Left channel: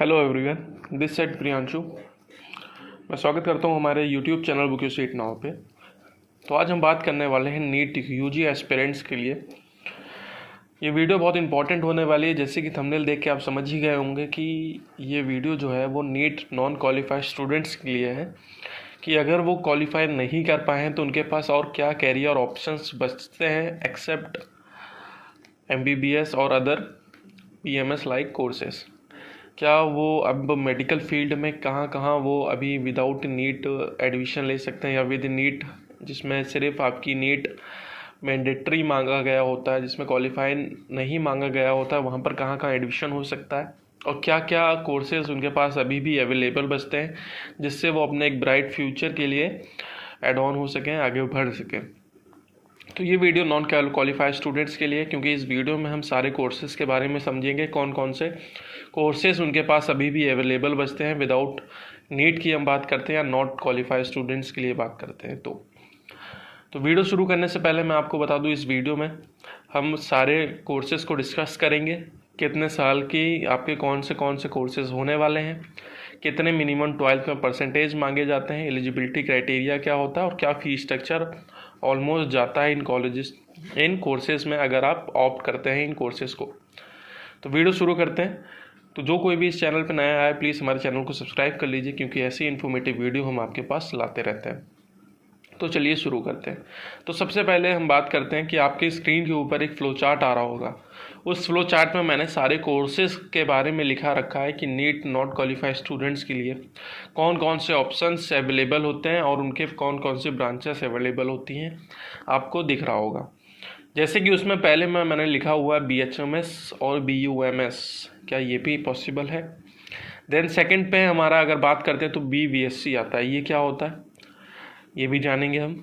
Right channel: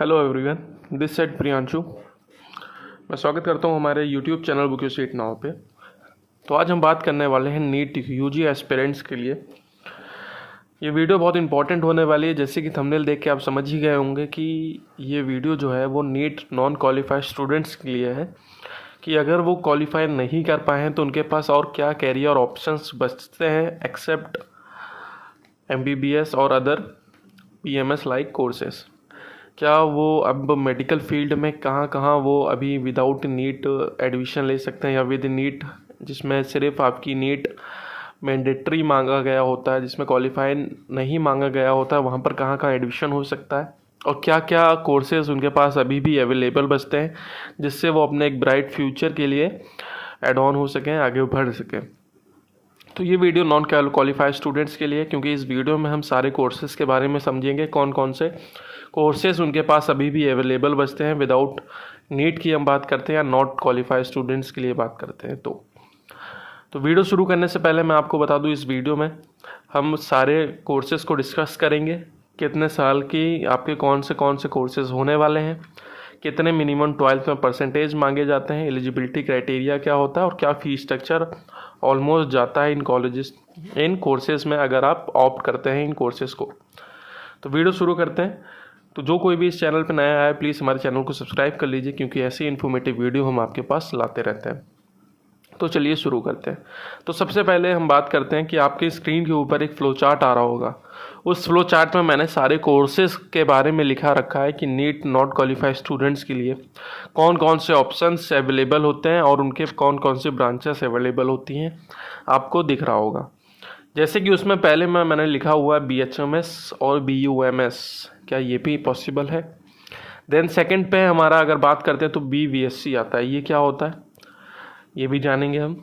Hello everyone, this side Priyanshu. मैं स्वागत करता हूं हमारे YouTube channel book your seat now पे। तो आज हम बात करने वाले हैं नीट यूजी एस्पिरेंट्स के लिए। ये वीडियो बहुत इंपॉर्टेंट होने वाली है। जैसे कि थंबनेल देख के आप समझ ही गए होंगे कि ये वीडियो जो है वो नीट नॉन क्वालिफाइड स्टूडेंट्स के लिए है कि अगर वो क्वालिफाई नहीं कर पाए हैं तो उनके पास और क्या कैरियर ऑप्शंस बचते हैं एक्सेप्ट MBBS और अदर PMS लाइक कोर्सेस। क्या वो अब मेडिकल फील्ड में कहाँ कहाँ वो अभी विदाउट नीट एडमिशन ले सकते हैं, या विद नीट जिसमें सिर्फ आपकी नीट मैंडेटरी मांगा गया होता है, जिसमें क्वालिफाई नहीं मांगा गया होता है, वहाँ पर कहाँ कहाँ एडमिशन हो सकता है, और क्या क्या कोर्सेज उनके पास अभी भी अवेलेबल बचते हैं जिससे वो अपने एक ब्राइट फ्यूचर के लिए एड ऑन हो सकें, आगे बढ़ सकें। तो ये वीडियो नॉन क्वालिफाइड स्टूडेंट्स के लिए, क्योंकि इस वीडियो में हम सारे कोर्सेज़ के बारे में समझेंगे, कौन कौन से कोर्सेज़ उनके पास अभी भी अवेलेबल बचते हैं विदाउट नीट की हम बात करते हैं, या नॉट क्वालिफाइड स्टूडेंट्स के लिए बात करते हैं। तो वीडियो शुरू करने से पहले मैं आपको बता दूं, इस वीडियो में हम सारे कोर्सेज़ को डिस्कस करेंगे। कितने साल की आपके कौन से कोर्सेज़ होने वाले हैं, कितने मिनिमम 12th में परसेंटेज मांगे जाते हैं, एलिजिबिलिटी क्राइटेरिया क्या होता है, और क्या फ़ी स्ट्रक्चर ऑलमोस्ट जाता है इन कोर्सेज़ में अगर आप ऑप्ट करते हैं इन कोर्सेज़ को। तो वीडियो शुरू करते हैं। तो जो कोई भी इस चैनल पर नया आया प्लीज़ हमारे चैनल को सब्सक्राइब कर लीजिए, क्योंकि ऐसी इन्फॉर्मेटिव वीडियो हम आपके पास लाते रहते हैं। तो चलिए शुरू करते हैं। तो सबसे पहले हम बात करते हैं कि आपके स्क्रीन के ऊपर एक फ्लो चार्ट आ रहा होगा। उस फ्लो चार्ट में मैंने सारे कोर्सेज़ के बारे में लिखा रखा है कि नीट नॉट क्वालिफाइड स्टूडेंट्स के लिए कौन कौन से ऑप्शंस अवेलेबल होते हैं और उनके कौन कौन से ब्रांचेस अवेलेबल होती हैं, आपको दिख रहा होगा। जैसे कि उसमें पहले मैंने लिखा हुआ है BHMS और BUMS, क्या ये भी पॉसिबल है। देन सेकंड पे हमारा अगर बात करते हैं तो BVSC आता है, ये क्या होता है ये भी जानेंगे हम।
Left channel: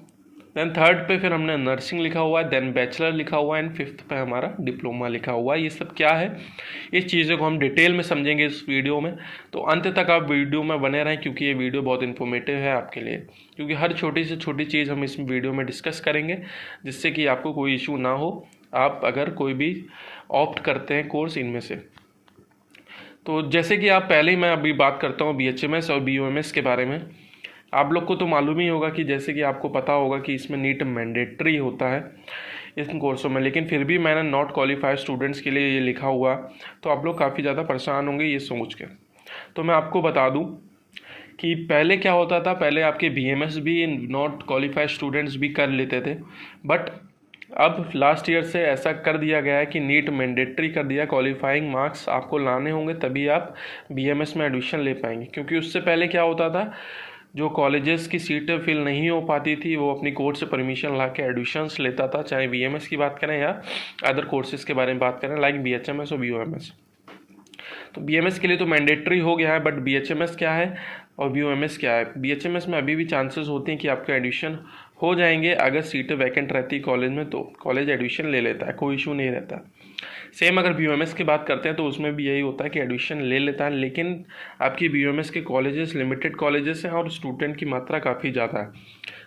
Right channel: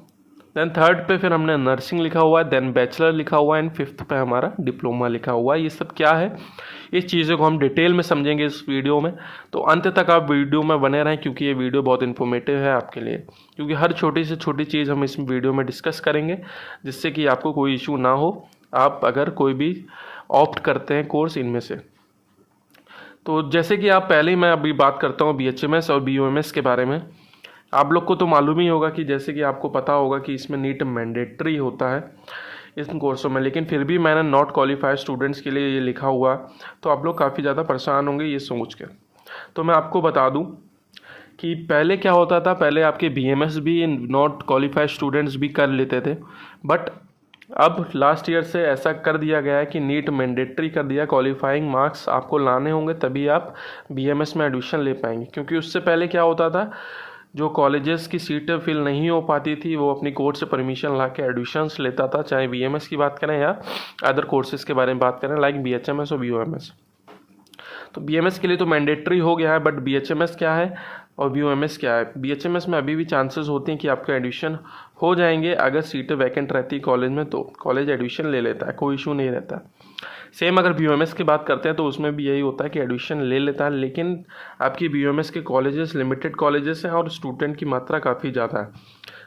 देन थर्ड पे फिर हमने नर्सिंग लिखा हुआ है, देन बैचलर लिखा हुआ है, एंड फिफ्थ पे हमारा डिप्लोमा लिखा हुआ है। ये सब क्या है, इस चीज़ों को हम डिटेल में समझेंगे इस वीडियो में। तो अंत तक आप वीडियो में बने रहें, क्योंकि ये वीडियो बहुत इन्फॉर्मेटिव है आपके लिए, क्योंकि हर छोटी से छोटी चीज़ हम इस वीडियो में डिस्कस करेंगे, जिससे कि आपको कोई इशू ना हो आप अगर कोई भी ऑप्ट करते हैं कोर्स इनमें से। तो जैसे कि आप पहले ही मैं अभी बात करता हूँ BHMS और BUMS के बारे में। आप लोग को तो मालूम ही होगा कि जैसे कि आपको पता होगा कि इसमें नीट मैंडेटरी होता है इन कोर्सों में, लेकिन फिर भी मैंने नॉट क्वालिफाइड स्टूडेंट्स के लिए ये लिखा हुआ, तो आप लोग काफ़ी ज़्यादा परेशान होंगे ये सोच के। तो मैं आपको बता दूं कि पहले क्या होता था, पहले आपके BMS भी नॉट क्वालिफाइड स्टूडेंट्स भी कर लेते थे, बट अब लास्ट ईयर से ऐसा कर दिया गया है कि नीट मैंडेटरी कर दिया, क्वालिफाइंग मार्क्स आपको लाने होंगे तभी आप BMS में एडमिशन ले पाएंगे। क्योंकि उससे पहले क्या होता था, जो कॉलेजेस की सीटें फिल नहीं हो पाती थी वो अपनी कोर्ट से परमिशन ला के एडमिशन्स लेता था, चाहे BMS की बात करें या अदर कोर्सेज़ के बारे में बात करें लाइक BHMS और BUMS। तो BMS के लिए तो मैंडेटरी हो गया है, बट BHMS क्या है और BUMS क्या है। BHMS में अभी भी चांसेस होते हैं कि आपका एडमिशन हो जाएंगे, अगर सीटें वैकेंट रहती है कॉलेज में तो कॉलेज एडमिशन ले लेता है, कोई इशू नहीं रहता। सेम अगर BUMS की बात करते हैं तो उसमें भी यही होता है कि एडमिशन ले लेता है, लेकिन आपकी BUMS के कॉलेजेस लिमिटेड कॉलेजेस हैं और स्टूडेंट की मात्रा काफ़ी ज़्यादा है,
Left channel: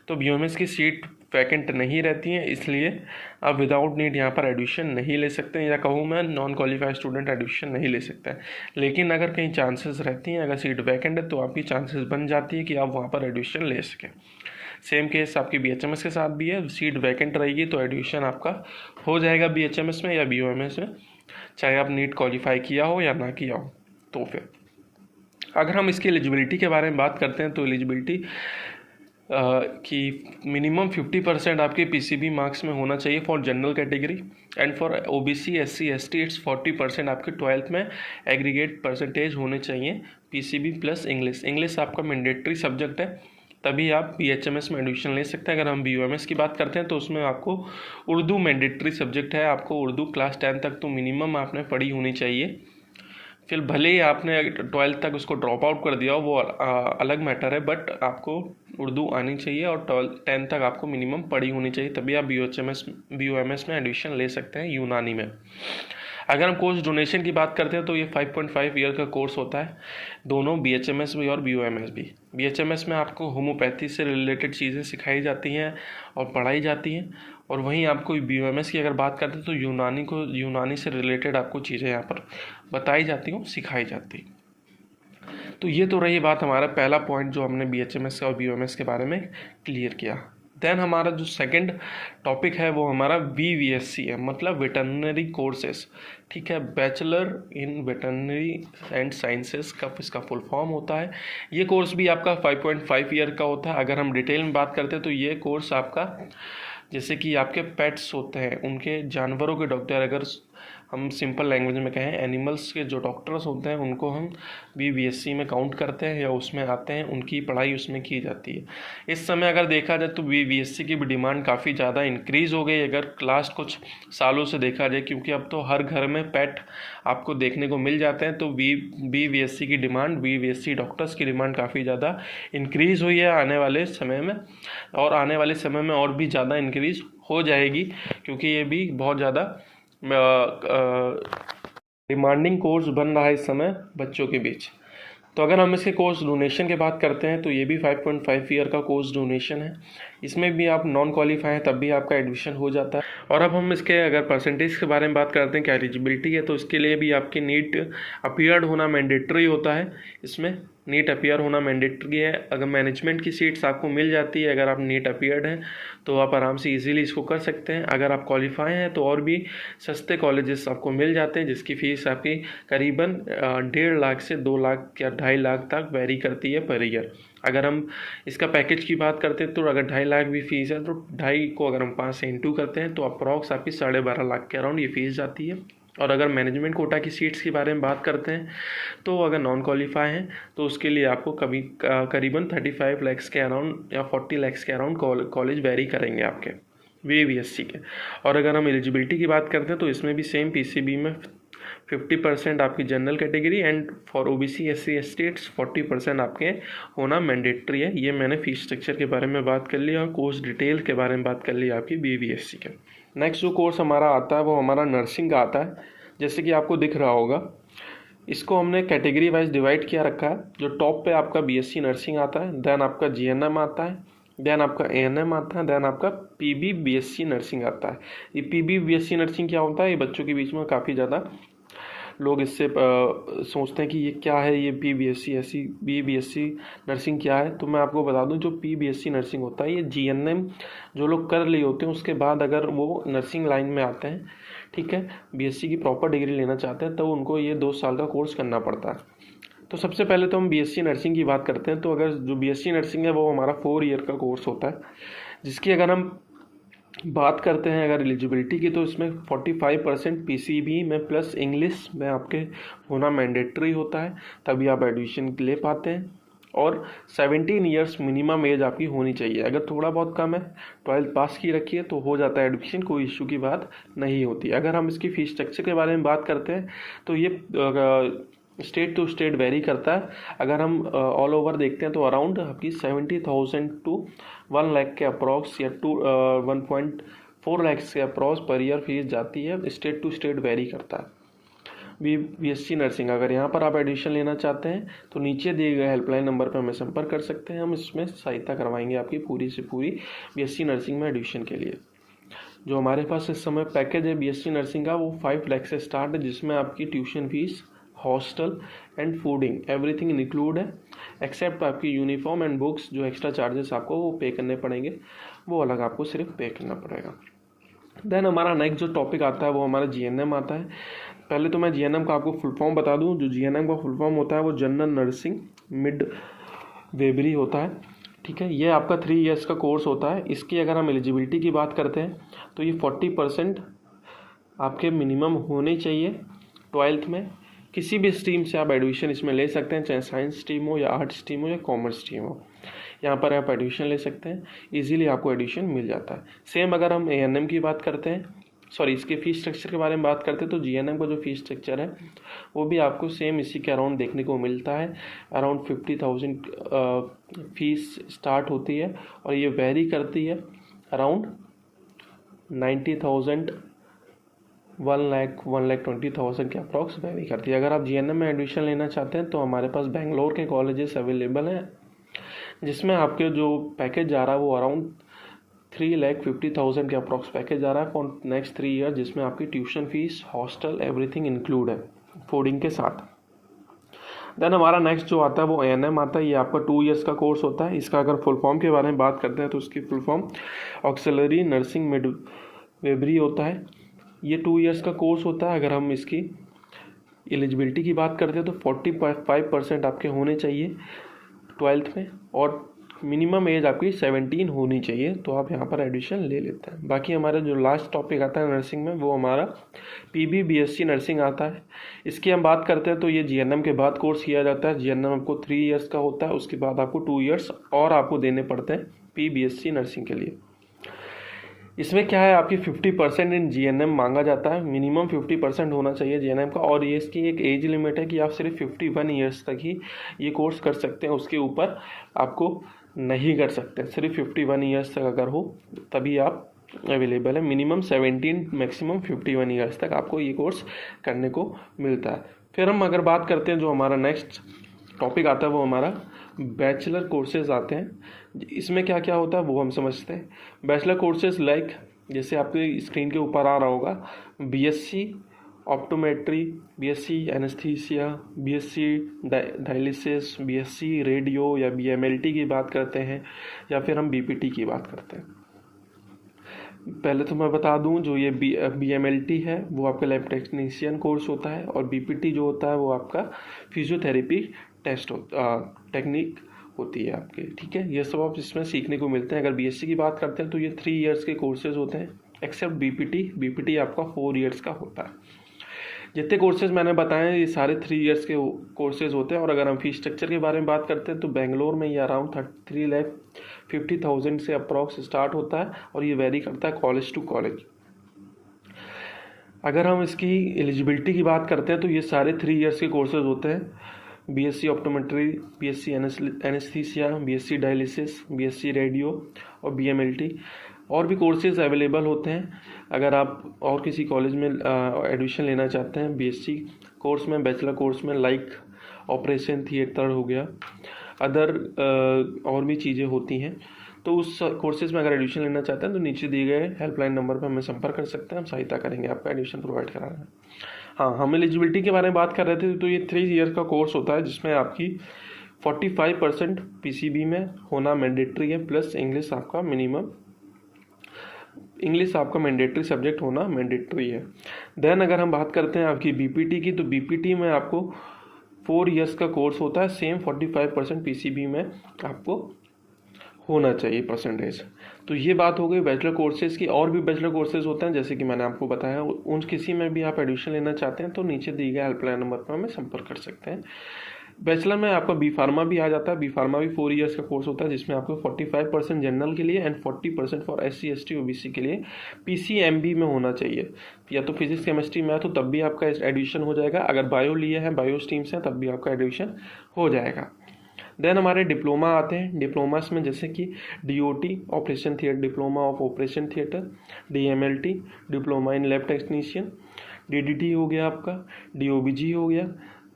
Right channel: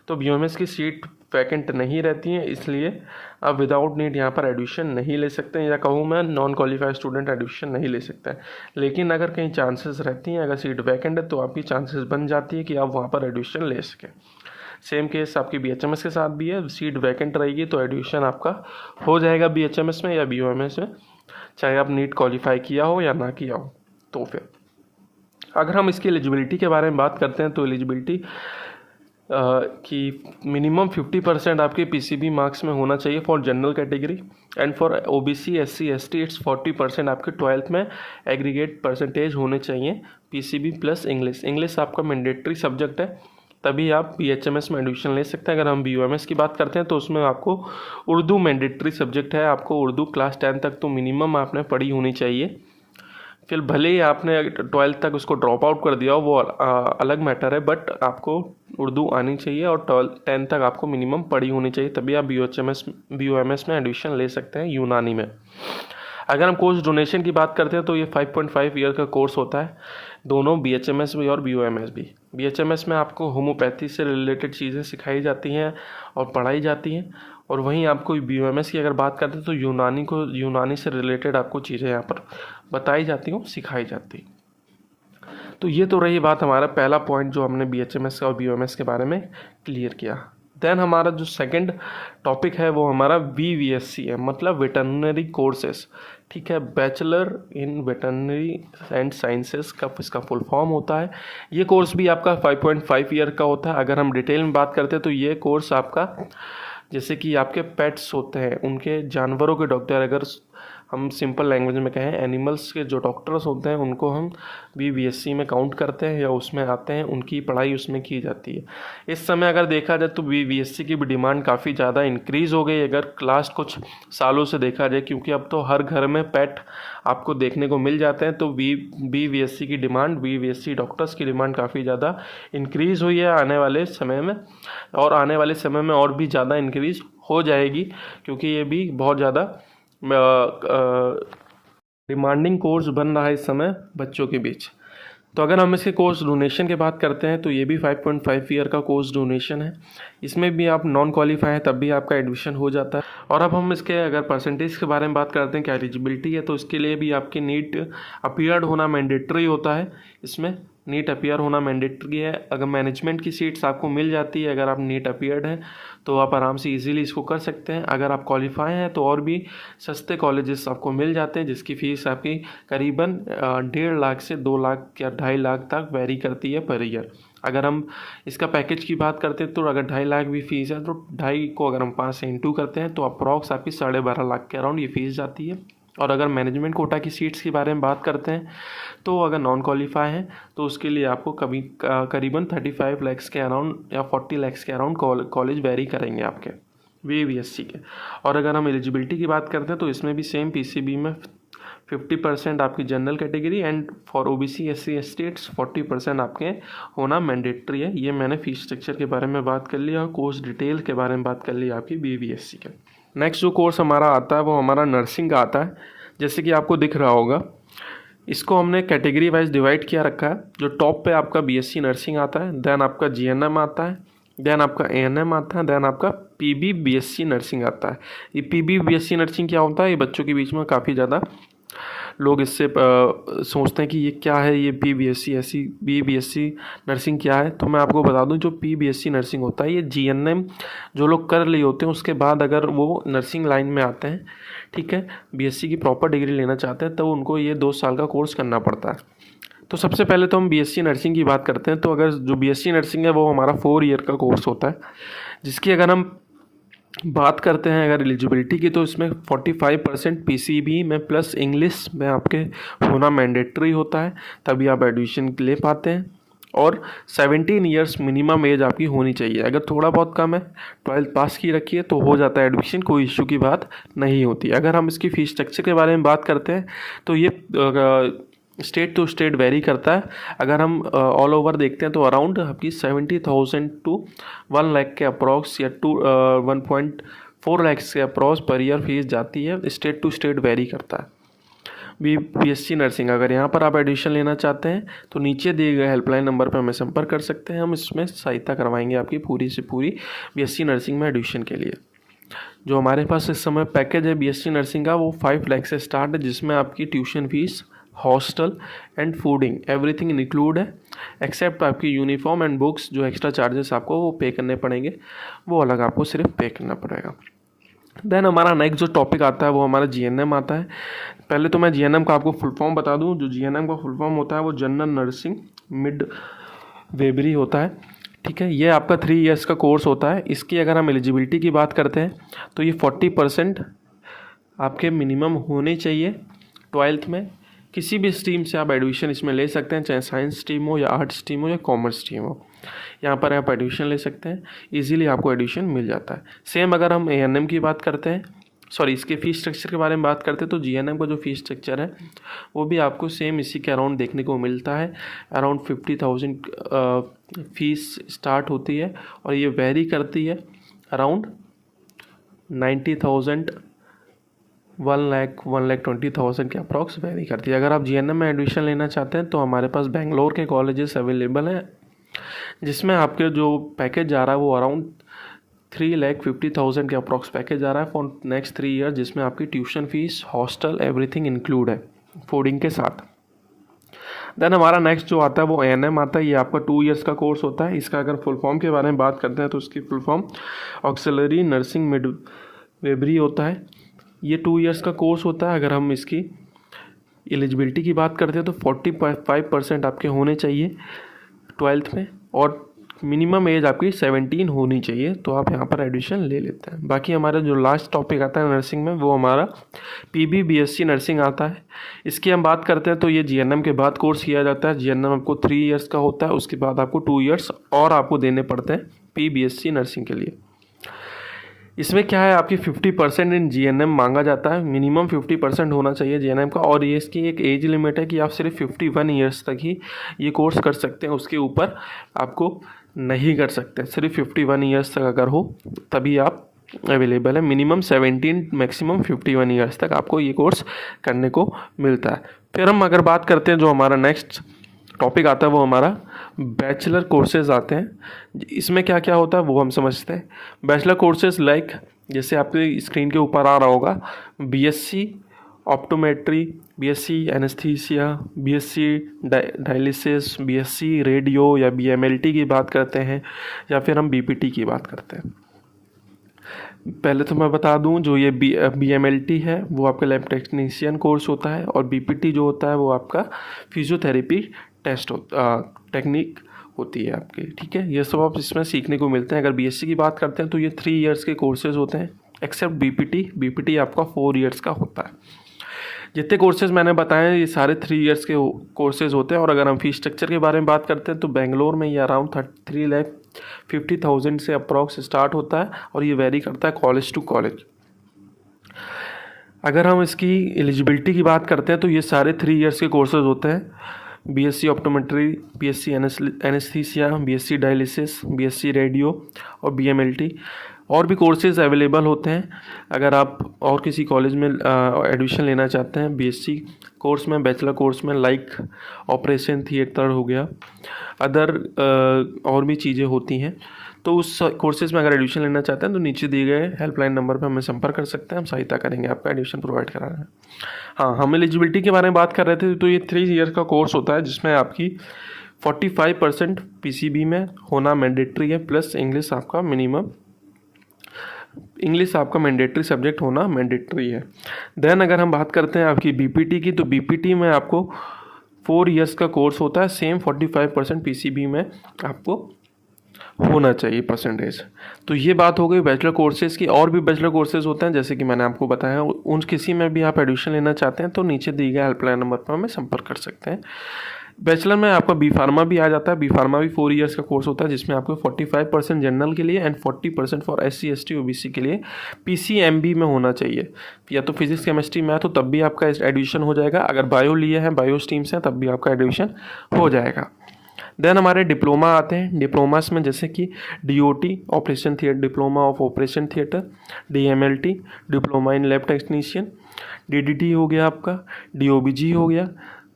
तो BUMS की सीट वैकेंट नहीं रहती हैं, इसलिए आप विदाउट नीट यहाँ पर एडमिशन नहीं ले सकते हैं, या कहूँ मैं नॉन क्वालिफाइड स्टूडेंट एडमिशन नहीं ले सकते हैं। लेकिन अगर कहीं चांसेस रहती हैं, अगर सीट वैकेंट है तो आपकी चांसेस बन जाती है कि आप वहाँ पर एडमिशन ले सकें। सेम केस आपकी BHMS के साथ भी है, सीट वैकेंट रहेगी तो एडमिशन आपका हो जाएगा BHMS में या BUMS में, चाहे आप नीट क्वालिफाई किया हो या ना किया हो। तो फिर अगर हम इसकी एलिजिबिलिटी के बारे में बात करते हैं तो एलिजिबिलिटी कि मिनिमम 50% आपके PCB मार्क्स में होना चाहिए for general category, and for OBC SC ST it's 40% आपके 12th में एग्रीगेट परसेंटेज होने चाहिए PCB प्लस इंग्लिश आपका मैंडेटरी सब्जेक्ट है, तभी आप BHMS में एडमिशन ले सकते हैं। अगर हम BUMS की बात करते हैं तो उसमें आपको उर्दू मैंडेटरी सब्जेक्ट है, आपको उर्दू क्लास 10 तक तो मिनिमम आपने पढ़ी होनी चाहिए। फिर भले ही आपने 12th तक उसको ड्रॉप आउट कर दिया हो वो अलग मैटर है, बट आपको उर्दू आनी चाहिए और 10 तक आपको मिनिमम पढ़ी होनी चाहिए, तभी आप BUMS में एडमिशन ले सकते हैं यूनानी में। अगर हम कोर्स डोनेशन की बात करते हैं तो ये 5.5 ईयर का कोर्स होता है, दोनों BHMS भी और BUMS भी। BHMS में आपको होम्योपैथी से रिलेटेड चीज़ें सिखाई जाती हैं और पढ़ाई जाती हैं, और वहीं आपको BUMS की अगर बात करते हैं तो यूनानी से रिलेटेड आपको चीज़ें यहाँ पर बताई जाती हैं, सिखाई जाती हैं। तो ये तो रही बात हमारा पहला पॉइंट जो हमने BHMS और BOMS के बारे में क्लियर किया। देन हमारा जो सेकंड टॉपिक है वो हमारा VVSC है, मतलब वेटरनरी कोर्सेस। ठीक है, bachelor in veterinary and sciences का इसका फुल फॉर्म होता है। ये कोर्स भी आपका 5.5 ईयर का होता है। अगर हम डिटेल में बात करते हैं तो ये कोर्स आपका, जैसे कि आपके पेट्स होते हैं, उनके जानवरों के डॉक्टर, अगर हम सिंपल लैंग्वेज में कहें एनिमल्स के जो डॉक्टर्स होते हैं उनको हम VVSC में काउंट करते हैं या उसमें आते हैं, उनकी पढ़ाई उसमें की जाती है। इस समय अगर देखा जाए तो VVSC की भी डिमांड काफ़ी ज़्यादा इंक्रीज़ हो गई अगर लास्ट कुछ सालों से देखा जाए, क्योंकि अब तो हर घर में पेट आपको देखने को मिल जाते हैं। तो VVSC की डिमांड, VVSC डॉक्टर्स की डिमांड काफ़ी ज़्यादा इंक्रीज़ हुई है आने वाले समय में, और आने वाले समय में और भी ज़्यादा इंक्रीज़ हो जाएगी, क्योंकि ये भी बहुत ज़्यादा डिमांडिंग कोर्स बन रहा है इस समय बच्चों के बीच। तो अगर हम इसके कोर्स डोनेशन की बात करते हैं तो ये भी 5.5 ईयर का कोर्स डोनेशन है। इसमें भी आप नॉन क्वालिफाई हैं तब भी आपका एडमिशन हो जाता है। और अब हम इसके अगर परसेंटेज के बारे में बात करते हैं, क्या एलिजिबिलिटी है, तो इसके लिए भी आपकी नीट अपीयर्ड होना मैंडेटरी होता है। इसमें नीट अपीयर होना मैंडेटरी है। अगर मैनेजमेंट की सीट्स आपको मिल जाती है अगर आप नीट अपीयर्ड हैं तो आप आराम से इजीली इसको कर सकते हैं। अगर आप क्वालिफाई हैं तो और भी सस्ते कॉलेजेस आपको मिल जाते हैं, जिसकी फ़ीस आपकी करीबन 1.5 लाख से 2 लाख या 2.5 लाख तक वेरी करती है पर ईयर। अगर हम इसका पैकेज की बात करते हैं तो अगर 2.5 लाख भी फ़ीस है तो 2.5 को अगर हम 5 से इंटू करते हैं तो अप्रॉक्स आपकी 12.5 लाख के अराउंड ये फ़ीस जाती है। और अगर मैनेजमेंट कोटा की सीट्स के बारे में बात करते हैं तो अगर नॉन क्वालिफाई हैं तो उसके लिए आपको करीबन 35 लाख के अराउंड या 40 लाख के अराउंड कॉलेज वेरी करेंगे आपके VVSC के। और अगर हम एलिजिबिलिटी की बात करते हैं तो इसमें भी सेम PCB में 50% आपकी general category and for OBC SC STs 40% आपके होना मैंडेटरी है। ये मैंने फीस स्ट्रक्चर के बारे में बात कर लिया और कोर्स डिटेल के बारे में बात कर ली आपकी VVSC के। नेक्स्ट जो कोर्स हमारा आता है वो हमारा नर्सिंग का आता है। जैसे कि आपको दिख रहा होगा, इसको हमने कैटेगरी वाइज डिवाइड किया रखा है। जो टॉप पे आपका BSc नर्सिंग आता है, देन आपका GNM आता है, देन आपका ANM आता है, देन आपका PB BSc नर्सिंग आता है। ये PB BSc नर्सिंग क्या होता है, ये बच्चों के बीच में काफ़ी ज़्यादा लोग इससे सोचते हैं कि ये क्या है, ये BBSc नर्सिंग क्या है। तो मैं आपको बता दूं, जो PBSc नर्सिंग होता है ये GNM जो लोग कर लिए होते हैं उसके बाद अगर वो नर्सिंग लाइन में आते हैं, ठीक है, BSc की प्रॉपर डिग्री लेना चाहते हैं, तब उनको ये 2 साल का कोर्स करना पड़ता है। तो सबसे पहले तो हम BSc नर्सिंग की बात करते हैं। तो अगर जो BSc नर्सिंग है वो हमारा 4 ईयर का कोर्स होता है, जिसकी अगर हम बात करते हैं अगर एलिजिबिलिटी की तो इसमें 45% PCB में प्लस इंग्लिश में आपके होना मैंडेटरी होता है, तभी आप एडमिशन ले पाते हैं। और 17 ईयर्स मिनिमम एज आपकी होनी चाहिए। अगर थोड़ा बहुत कम है, 12th पास की रखी है, तो हो जाता है एडमिशन, कोई इशू की बात नहीं होती। अगर हम इसकी फ़ीस स्ट्रक्चर के बारे में बात करते हैं तो ये स्टेट टू स्टेट वेरी करता है। अगर हम ऑल ओवर देखते हैं तो अराउंड आपकी 70,000 टू 1 लाख के अप्रॉक्स या 1.4 लाख के अप्रॉक्स पर ईयर फीस जाती है। स्टेट टू स्टेट वेरी करता है। BSc नर्सिंग, अगर यहाँ पर आप एडमिशन लेना चाहते हैं तो नीचे दिए गए हेल्पलाइन नंबर पर हमें संपर्क कर सकते हैं। हम इसमें सहायता करवाएंगे आपकी पूरी से पूरी BSc नर्सिंग में एडमिशन के लिए। जो हमारे पास इस समय पैकेज है BSc नर्सिंग का वो 5 लाख से स्टार्ट है, जिसमें आपकी tuition fees, hostel and fooding everything include है, एक्सेप्ट आपकी यूनिफॉर्म एंड बुक्स। जो एक्स्ट्रा चार्जेस आपको वो पे करने पड़ेंगे वो अलग आपको सिर्फ पे करना पड़ेगा। देन हमारा नेक्स्ट जो टॉपिक आता है वो हमारा GNM आता है। पहले तो मैं GNM का आपको फुल फॉर्म बता दूं। जो GNM का फुल फॉर्म होता है वो जनरल नर्सिंग मिड वेबरी होता है, ठीक है। ये आपका 3 ईयर्स का कोर्स होता है। इसकी अगर हम एलिजिबिलिटी की बात करते हैं तो ये 40% आपके मिनिमम होने चाहिए 12th में। किसी भी स्ट्रीम से आप एडमिशन इसमें ले सकते हैं, चाहे साइंस स्ट्रीम हो या आर्ट्स स्ट्रीम हो या कॉमर्स स्ट्रीम हो, यहाँ पर आप एडमिशन ले सकते हैं। इजीली आपको एडमिशन मिल जाता है। सेम अगर हम ANM की बात करते हैं, सॉरी इसके फ़ीस स्ट्रक्चर के बारे में बात करते हैं, तो GNM का जो फ़ीस स्ट्रक्चर है वो भी आपको सेम इसी के अराउंड देखने को मिलता है। अराउंड 50,000 फीस स्टार्ट होती है और ये वेरी करती है अराउंड 90,000 1,20,000 के अप्रॉक्स वेरी करती है। अगर आप GNM में एडमिशन लेना चाहते हैं तो हमारे पास बेंगलोर के कॉलेजेस अवेलेबल हैं, जिसमें आपके जो पैकेज जा रहा है वो अराउंड 3,50,000 के अप्रॉक्स पैकेज आ रहा है फॉर नेक्स्ट 3 ईयर, जिसमें आपकी tuition fees, hostel everything include है फूडिंग के साथ। देन हमारा नेक्स्ट जो आता है वो ANM आता है। ये आपका 2 ईयर्स का कोर्स होता है। इसका अगर फुल फॉर्म के बारे में बात करते हैं तो इसकी फुल फॉर्म ऑक्सिलरी नर्सिंग मिडवेबरी होता है। ये 2 ईयर्स का कोर्स होता है। अगर हम इसकी एलिजिबिलिटी की बात करते हैं तो 45% आपके होने चाहिए 12th में, और मिनिमम एज आपकी 17 होनी चाहिए, तो आप यहाँ पर एडमिशन ले लेते हैं। बाकी हमारा जो लास्ट टॉपिक आता है नर्सिंग में वो हमारा PB BSc नर्सिंग आता है। इसकी हम बात करते हैं तो ये GNM के बाद कोर्स किया जाता है। GNM आपको 3 ईयर्स का होता है, उसके बाद आपको 2 ईयर्स और आपको देने पड़ते हैं PBSc नर्सिंग के लिए। इसमें क्या है, आपकी 50% इन GNM मांगा जाता है, मिनिमम 50% होना चाहिए GNM का, और ये इसकी एक एज लिमिट है कि आप सिर्फ 51 ईयर्स तक ही ये कोर्स कर सकते हैं, उसके ऊपर आपको नहीं कर सकते। सिर्फ 51 ईयर्स तक अगर हो तभी आप अवेलेबल है। मिनिमम 17 मैक्सिमम 51 ईयर्स तक आपको ये कोर्स करने को मिलता है। फिर हम अगर बात करते हैं जो हमारा नेक्स्ट टॉपिक आता है वो हमारा बैचलर कोर्सेज आते हैं। इसमें क्या क्या होता है वो हम समझते हैं। बैचलर कोर्सेज लाइक जैसे आपके स्क्रीन के ऊपर आ रहा होगा, BSc optometry, BSc anaesthesia, BSc dialysis, BSc radio या BMLT की बात करते हैं, या फिर हम BPT की बात करते हैं। पहले तो मैं बता दूं जो ये BMLT है वो आपका लैब टेक्नीशियन कोर्स होता है, और BPT जो होता है वो आपका फिजियोथेरेपी टेक्निक होती है आपकी, ठीक है। ये सब आप इसमें सीखने को मिलते हैं। अगर BSc की बात करते हैं तो ये 3 ईयर्स के कोर्सेज होते हैं, एक्सेप्ट BPT आपका 4 ईयर्स का होता है। जितने कोर्सेज मैंने बताए हैं ये सारे 3 ईयर्स के कोर्सेज होते हैं। और अगर हम फीस स्ट्रक्चर के बारे में बात करते हैं तो बेंगलोर में ये अराउंड 3,50,000 से अप्रॉक्स स्टार्ट होता है, और ये वेरी करता है कॉलेज टू कॉलेज। अगर हम इसकी एलिजिबिलिटी की बात करते हैं तो ये सारे 3 ईयर्स के कोर्सेज होते हैं। BSc optometry, BSc anaesthesia, BSc dialysis, BSc radio और BMLT। और भी कोर्सेज अवेलेबल होते हैं। अगर आप और किसी कॉलेज में एडमिशन लेना चाहते हैं BSc कोर्स में, बैचलर कोर्स में, लाइक ऑपरेशन थिएटर हो गया, अदर और भी चीज़ें होती हैं, तो उस कोर्सेज़ में अगर एडमिशन लेना चाहते हैं तो नीचे दिए गए हेल्पलाइन नंबर पर हमें संपर्क कर सकते हैं। हम सहायता करेंगे आपका एडमिशन प्रोवाइड कराना है। हाँ, हम एलिजिबिलिटी के बारे में बात कर रहे थे तो ये 3 ईयर का कोर्स होता है जिसमें आपकी 45% PCB में होना मैंडेटरी है, प्लस इंग्लिश आपका मैंडेटरी सब्जेक्ट होना मैंडेटरी है। देन अगर हम बात करते हैं आपकी BPT की, तो BPT में आपको 4 ईयर्स का कोर्स होता है। सेम 45% PCB में आपको होना चाहिए परसेंटेज। तो ये बात हो गई बैचलर कोर्सेज़ की। और भी बैचलर कोर्सेज़ होते हैं जैसे कि मैंने आपको बताया, उन किसी में भी आप एडमिशन लेना चाहते हैं तो नीचे दिए गए हेल्पलाइन नंबर पर हमें संपर्क कर सकते हैं। बैचलर में आपका B फार्मा भी आ जाता है। B फार्मा भी 4 ईयर्स का कोर्स होता है जिसमें आपको 45% जनरल के लिए and 40% for SC ST OBC के लिए PCMB में होना चाहिए, या तो फिजिक्स केमिस्ट्री मैथ हो तब भी आपका एडमिशन हो जाएगा। अगर बायो लिए हैं, बायो स्ट्रीम्स हैं, तब भी आपका एडमिशन हो जाएगा। देन हमारे डिप्लोमा आते हैं। डिप्लोमास में जैसे कि DOT operation theatre, diploma of operation theatre, DMLT diploma in lab technician, DDT हो गया आपका, DOBG हो गया,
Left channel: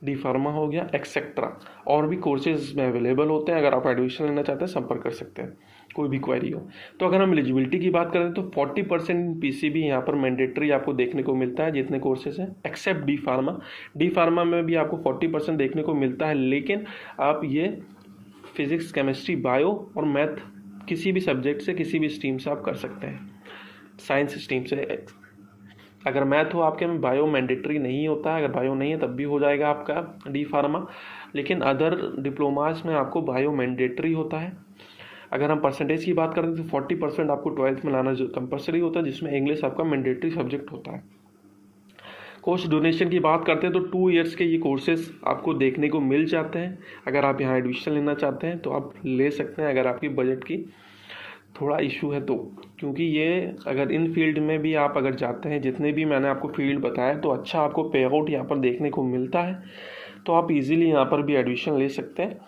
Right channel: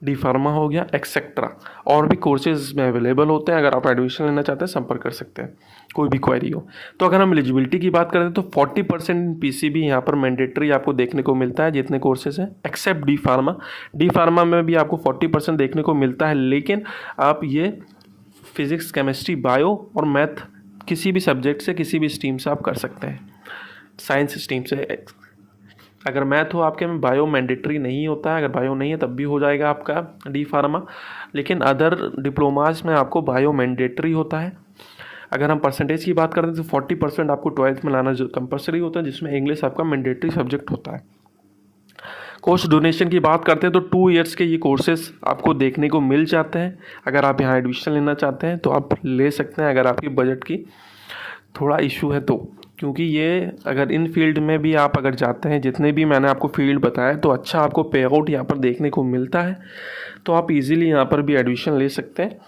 D फार्मा हो गया, एक्सेट्रा। और भी कोर्सेज में अवेलेबल होते हैं। अगर आप एडमिशन लेना चाहते हैं संपर्क कर सकते हैं, कोई भी क्वेरी हो। तो अगर हम एलिजिबिलिटी की बात करें तो 40% PCB यहाँ पर मैंडेटरी आपको देखने को मिलता है जितने कोर्सेज हैं, except D pharma. D pharma में भी आपको 40% देखने को मिलता है, लेकिन आप ये फिजिक्स केमिस्ट्री बायो और मैथ किसी भी सब्जेक्ट से, किसी भी स्ट्रीम से आप कर सकते हैं। साइंस स्ट्रीम से अगर मैथ हो आपके में, बायो मैंडेटरी नहीं होता है। अगर बायो नहीं है तब भी हो जाएगा आपका D फार्मा, लेकिन अदर डिप्लोमाज में आपको बायो मैंडेटरी होता है। अगर हम परसेंटेज की बात करते हैं तो 40% आपको 12th में लाना जो कंपलसरी होता है, जिसमें इंग्लिश आपका मैंडेटरी सब्जेक्ट होता है। कोर्स डोनेशन की बात करते हैं तो 2 ईयर्स के ये कोर्सेज आपको देखने को मिल जाते हैं। अगर आप यहाँ एडमिशन लेना चाहते हैं तो आप ले सकते हैं, अगर आपकी बजट की थोड़ा इशू है तो, क्योंकि ये अगर इन फील्ड में भी आप अगर जाते हैं, जितने भी मैंने आपको फील्ड बताया, तो अच्छा आपको पे आउट यहाँ पर देखने को मिलता है। तो आप इजीली यहाँ पर भी एडमिशन ले सकते हैं।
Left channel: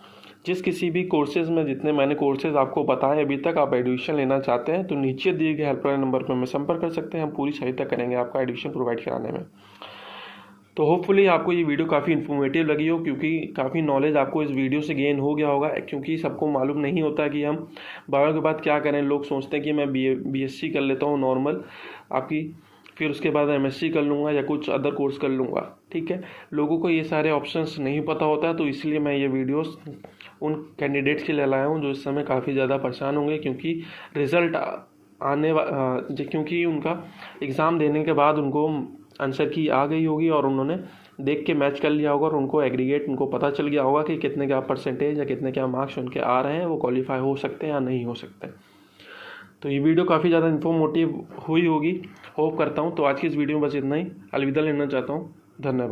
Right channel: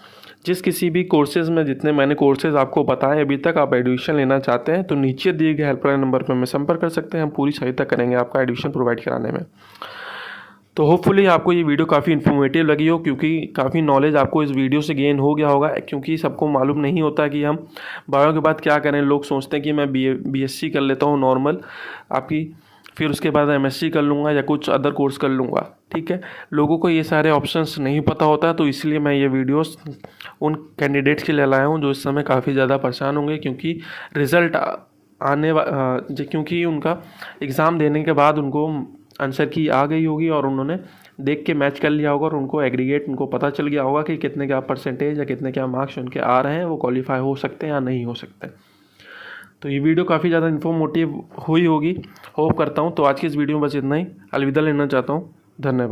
जिस किसी भी कोर्सेज़ में जितने मैंने कोर्सेज़ आपको बताए अभी तक, आप एडमिशन लेना चाहते हैं तो नीचे दिए गए हेल्पलाइन नंबर पर हमें संपर्क कर सकते हैं। हम पूरी सहायता करेंगे आपका एडमिशन प्रोवाइड कराने में। तो होपफुली आपको ये वीडियो काफ़ी इन्फॉर्मेटिव लगी हो, क्योंकि काफ़ी नॉलेज आपको इस वीडियो से गेन हो गया होगा। क्योंकि सबको मालूम नहीं होता कि हम बायो के बाद क्या करें। लोग सोचते हैं कि मैं BSc कर लेता हूँ नॉर्मल, आपकी फिर उसके बाद MSc कर लूँगा या कुछ अदर कोर्स कर लूँगा, ठीक है। लोगों को ये सारे ऑप्शंस नहीं पता होता है, तो इसलिए मैं ये वीडियोस उन कैंडिडेट्स के लिए लाया हूँ जो इस समय काफ़ी ज़्यादा परेशान होंगे, क्योंकि रिज़ल्ट क्योंकि उनका एग्ज़ाम देने के बाद उनको आंसर की आ गई होगी और उन्होंने देख के मैच कर लिया होगा और उनको एग्रीगेट उनको पता चल गया होगा कि कितने क्या परसेंटेज या कितने क्या मार्क्स उनके आ रहे हैं, वो क्वालिफाई हो सकते हैं या नहीं हो सकते। तो ये वीडियो काफ़ी ज़्यादा इन्फॉर्मेटिव हुई होगी, होप करता हूँ। तो आज की इस वीडियो में बस इतना ही, अलविदा लेना चाहता हूँ। धन्यवाद।